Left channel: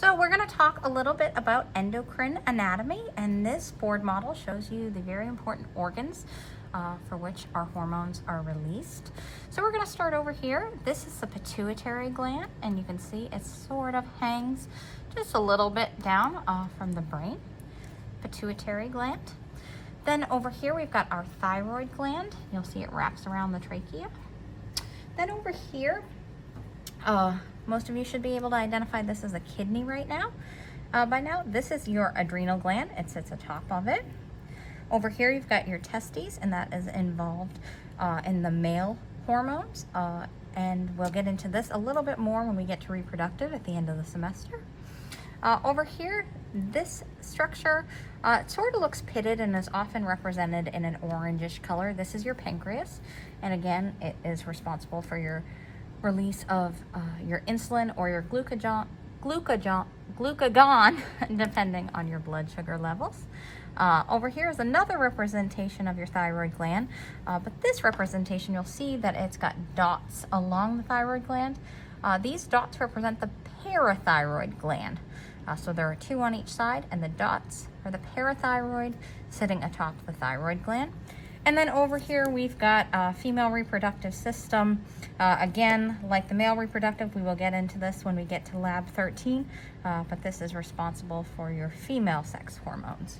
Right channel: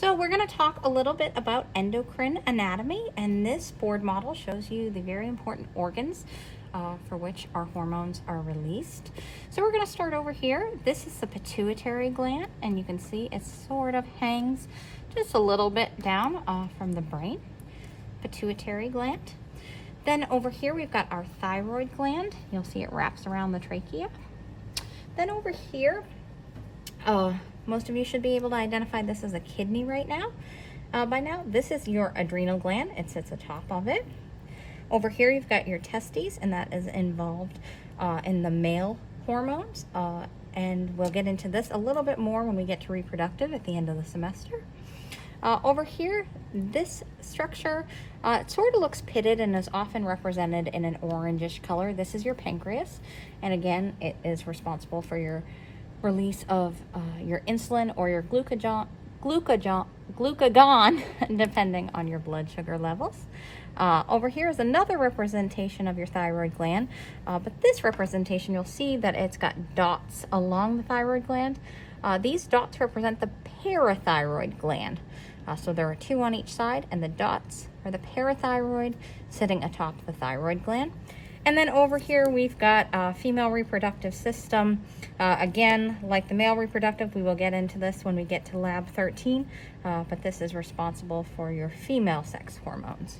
So we're going to talk a little bit about endocrine anatomy, and this board model shows you the very important organs for which our hormones are released. So we're going to start over here. This is the pituitary gland, and you can see it sort of hangs just a little bit down from the brain. Pituitary gland. Then over here we've got our thyroid gland. You'll see it wraps around the trachea. Then over here, most of you should be able to identify this as a kidney right now. By now, this is your adrenal gland. It sits atop of it. Over here, you've got your testes, and that is involved in the male hormones. And we'll get into this a little bit more when we get to reproductive at the end of the semester. Over here, this structure, it sort of looks pitted and is often represented in an orangish color. This is your pancreas. And again, it is responsible for your release of your insulin or your glucagon, depending on your blood sugar levels. Over here is another representation of your thyroid gland, but this representation, you'll see that it's got dots along the thyroid gland. These dots represent the parathyroid gland. So there are two on each side, and the dots are the parathyroid sitting atop the thyroid gland. And then over here, we've got a female reproductive system. Again, like the male reproductive, we will get into this when we get to lab 13, but this is responsible for your female sex hormones.